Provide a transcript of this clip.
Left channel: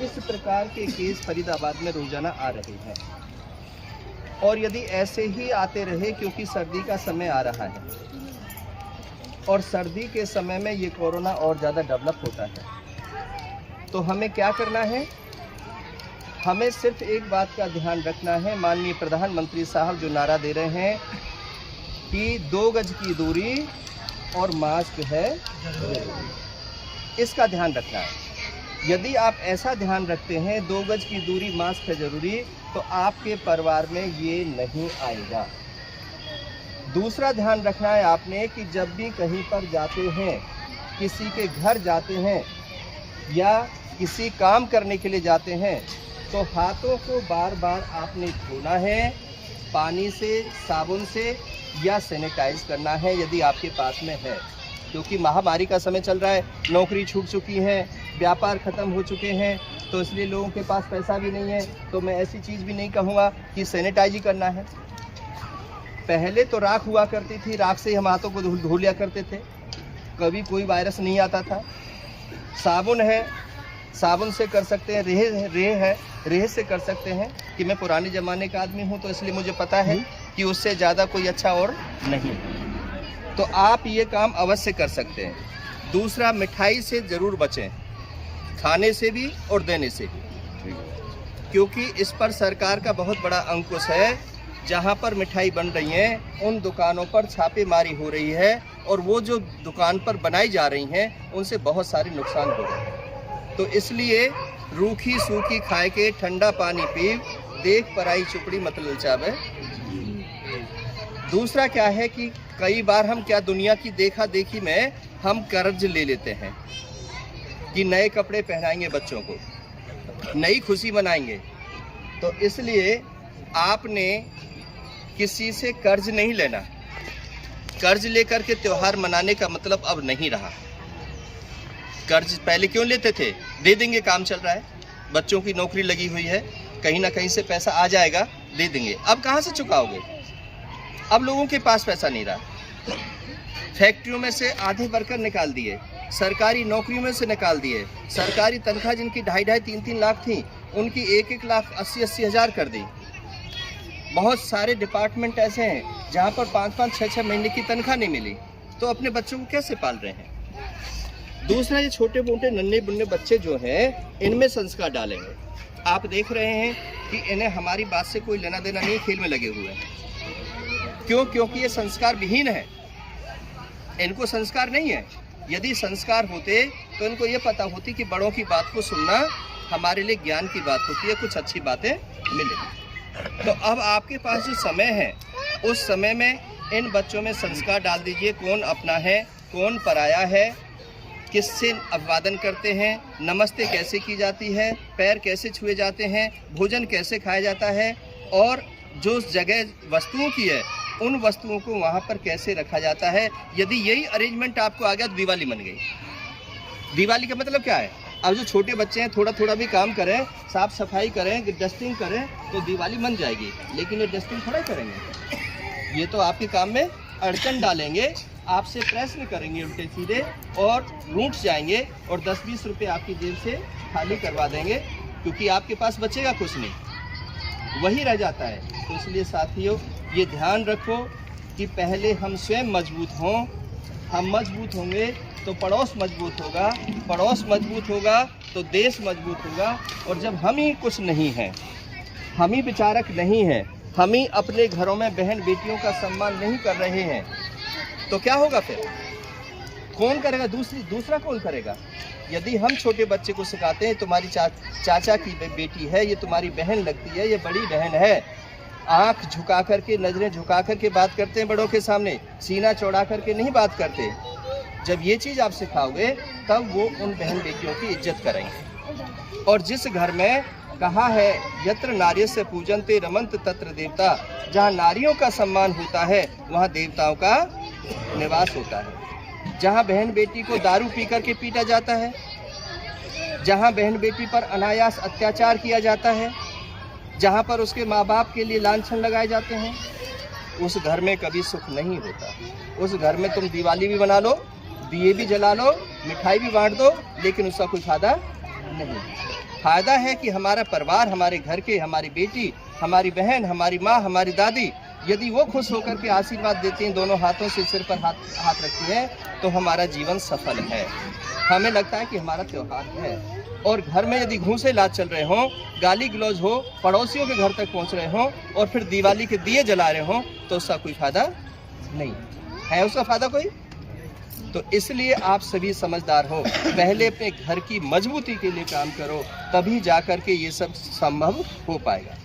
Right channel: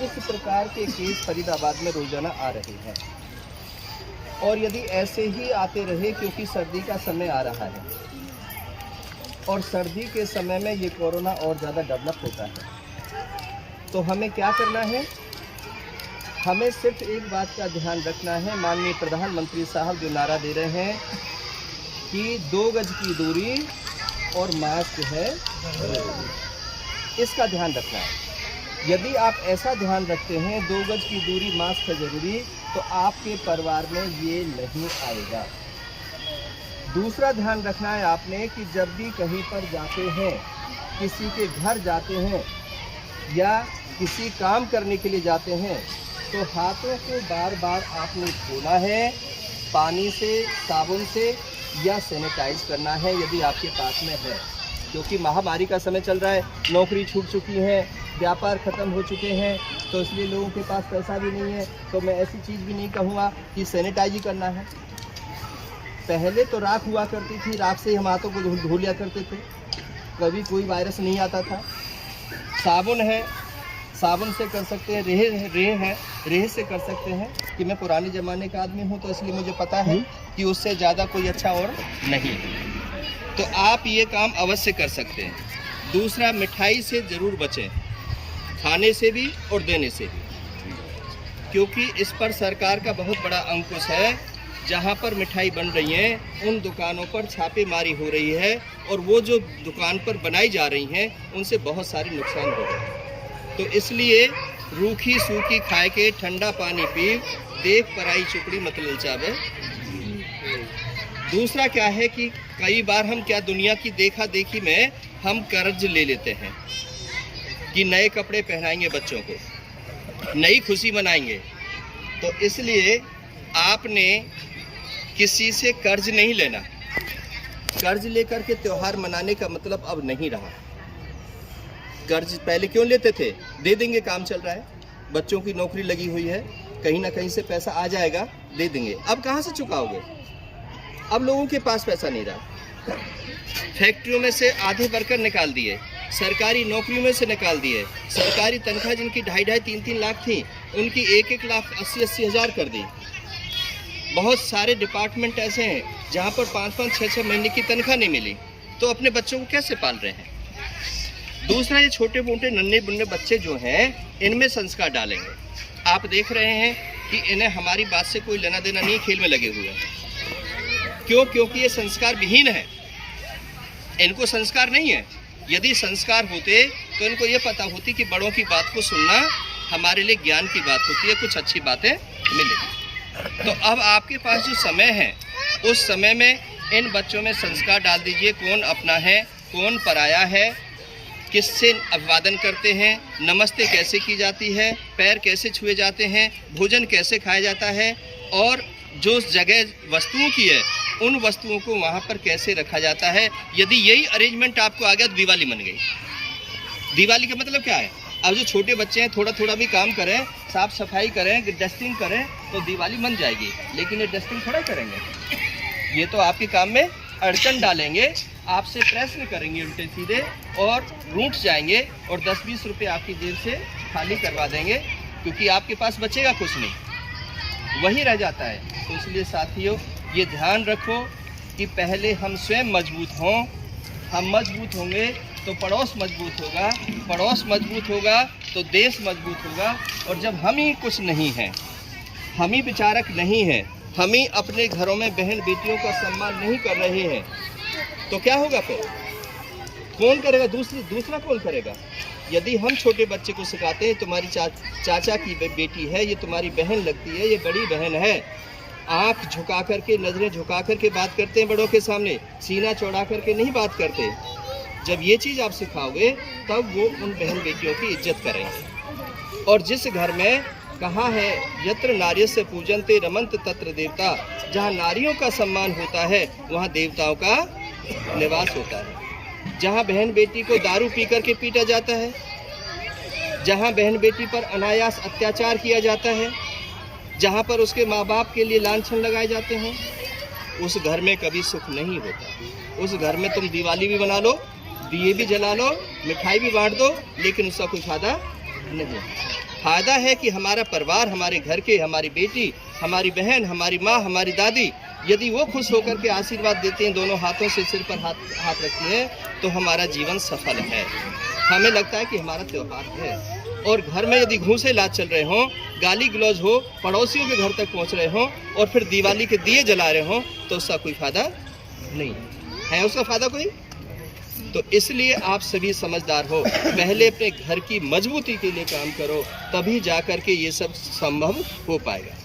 इस प्रकार के केस फरीदाबाद में रोजाना आ रहे हैं और यदि ऐसे ही आते रहे, क्योंकि सर्दी का समय आ रहा है और सर्दी के समय में ये कोरोना और ज़्यादा डेवलप होता है, तो हमें क्या करना है? हमें सिर्फ एक बात का ध्यान रखना है। माननीय प्रधानमंत्री साहब जो नारा दे रहे हैं कि 2 गज की दूरी और मास्क है जरूरी, इसका ध्यान रखना है। यदि आप ऐसा ध्यान रखते हैं 2 गज की दूरी मास्क है ज़रूरी, तो आपके परिवार में ये नहीं आएगा। दूसरा ध्यान रखना है आपने कि जब भी कहीं पर जाते हैं, किसी के घर जाते हैं या किसी काम करने के लिए जाते हैं, तो हाथों को बार बार आपने धोना है, पानी से, साबुन से या सैनिटाइज करना है यदि आपके पास में है। क्योंकि महामारी का समय चल रहा है, नौकरी छूट चुकी है, व्यापार ख़त्म हो चुके हैं, तो इसलिए लोगों के पास पैसा भी नहीं है। तो मैं ऐसी चीज़ भी नहीं कहूँगा कि सैनिटाइज ही करना है। पहले तो राख हुआ करती थी, राख से हम हाथों को धो लिया करते थे, कभी कोई वायरस नहीं आता था। साबुन है, साबुन से कर सकते हैं। रेह है, रेह से कर सकते हैं। कि मैं पुराने ज़माने का आदमी हूँ, तो इसलिए मुझे पता है कि उससे ज़्यादा कोई अच्छा और नहीं। तो आप ये काम अवश्य कर सकते हैं। दूसरा, मिठाई से ज़रूर बचें, खाने से भी और देने से भी, क्योंकि इस पर सरकार का बहुत बड़ा अंकुश है। जहाँ पर मिठाई बन रही हैं उन दुकानों पर छापेमारी हो रही है और वो जो दुकान पर बनाई जा रही हैं उनसे बहुत सारे नुकसान हो रहे हैं। तो इसलिए रूखी सूखी खाए के, ठंडा पानी पी, देख पराई चुपड़ी मत ललचावे। दूसरा क्या है कि कई बार हम क्या दुनिया की देखा देखी में हम कर्ज ले लेते हैं कि नए कपड़े पहनाएंगे बच्चों को, नई खुशी मनाएंगे। तो इसलिए आपने किसी से कर्ज नहीं लेना। कर्ज लेकर के त्यौहार मनाने का मतलब अब नहीं रहा। कर्ज पहले क्यों लेते थे? दे देंगे, काम चल रहा है, बच्चों की नौकरी लगी हुई है, कहीं ना कहीं से पैसा आ जाएगा, दे देंगे। अब कहाँ से चुकाओगे? अब लोगों के पास पैसा नहीं रहा। फैक्ट्रियों में से आधे वर्कर निकाल दिए, सरकारी नौकरियों में से निकाल दिए। सरकारी तनख्वाह जिनकी 2.5-2.5 3-3 लाख थी, उनकी 1-1 लाख 80-80 हज़ार कर दी। बहुत सारे डिपार्टमेंट ऐसे हैं जहाँ पर 5-5 6-6 महीने की तनख्वाह नहीं मिली, तो अपने बच्चों को कैसे पाल रहे हैं? दूसरा, ये छोटे मोटे नन्हे बुन्ने बच्चे जो हैं, इनमें संस्कार डालेंगे। आप देख रहे हैं कि इन्हें हमारी बात से कोई लेना देना नहीं, खेल में लगे हुए हैं। क्यों? क्योंकि ये संस्कार विहीन है, इनको संस्कार नहीं है। यदि संस्कार होते तो इनको ये पता होती कि बड़ों की बात को सुनना हमारे लिए ज्ञान की बात होती है, कुछ अच्छी बातें मिलेगी। तो अब आपके पास जो समय है, उस समय में इन बच्चों में संस्कार डाल दीजिए। कौन अपना है, कौन पराया है, किससे अभिवादन करते हैं, नमस्ते कैसे की जाती है, पैर कैसे छुए जाते हैं, भोजन कैसे खाया जाता है, और जो जगह वस्तुओं की है उन वस्तुओं को वहाँ पर कैसे रखा जाता है। यदि यही अरेंजमेंट आपको आ गया तो दिवाली बन गई। दिवाली का मतलब क्या है? अब जो छोटे बच्चे हैं थोड़ा थोड़ा भी काम करें, साफ सफाई करें, डस्टिंग करें, तो दिवाली बन जाएगी। लेकिन ये डस्टिंग थोड़ा करेंगे, ये तो आपके काम में अड़चन डालेंगे, आपसे प्रश्न करेंगे उल्टे सीधे और रूठ जाएंगे और 10-20 रुपये आपकी जेब से खाली करवा देंगे, क्योंकि आपके पास बचेगा कुछ नहीं, वही रह जाता है। तो इसलिए साथियों, ये ध्यान रखो कि पहले हम स्वयं मजबूत हों। हम मजबूत होंगे तो पड़ोस मजबूत होगा, पड़ोस मजबूत होगा तो देश मजबूत होगा। और जब हम ही कुछ नहीं हैं, हम ही विचारक नहीं हैं, हम ही अपने घरों में बहन बेटियों का सम्मान नहीं कर रहे हैं, तो क्या होगा फिर? कौन करेगा? दूसरा कौन करेगा? यदि हम छोटे बच्चे को सिखाते हैं तुम्हारी चाचा की बेटी है, ये तुम्हारी बहन लगती है, ये बड़ी बहन है, आँख झुका करके, नज़रें झुका करके बात करते हैं बड़ों के सामने, सीना चौड़ा करके नहीं बात करते। जब ये चीज़ आप सिखाओगे तब वो उन बहन बेटियों की इज्जत करेंगे। और जिस घर में कहा है यत्र नार्यस्य पूजन्ते रमन्त तत्र देवता, जहाँ नारियों का सम्मान होता है वहाँ देवताओं का निवास होता है। जहाँ बहन बेटी को दारू पी करके पीटा जाता है, जहाँ बहन बेटी पर अनायास अत्याचार किया जाता है, जहाँ पर उसके माँ बाप के लिए लांछन लगाए जाते हैं, उस घर में कभी सुख नहीं होता। उस घर में तुम दिवाली भी बना लो, दिए भी जला लो, मिठाई भी बांट दो, लेकिन उसका कुछ फायदा नहीं। फायदा है कि हमारा परिवार, हमारे घर के, हमारी बेटी, हमारी बहन, हमारी माँ, हमारी दादी, यदि वो खुश होकर के आशीर्वाद देते हैं, दोनों हाथों से सिर पर हाथ रखती हैं, तो हमारा जीवन सफल है। हमें लगता है कि हमारा त्यौहार है। और घर में यदि घूसे लात चल रहे हों, गाली गलौज हो, पड़ोसियों के घर तक पहुंच रहे हों और फिर दिवाली के दिए जला रहे हों, तो उसका कोई फायदा नहीं है। उसका फायदा कोई? तो इसलिए आप सभी समझदार हो, पहले अपने घर की मजबूती के लिए काम करो, तभी जाकर के ये सब संभव हो पाएगा।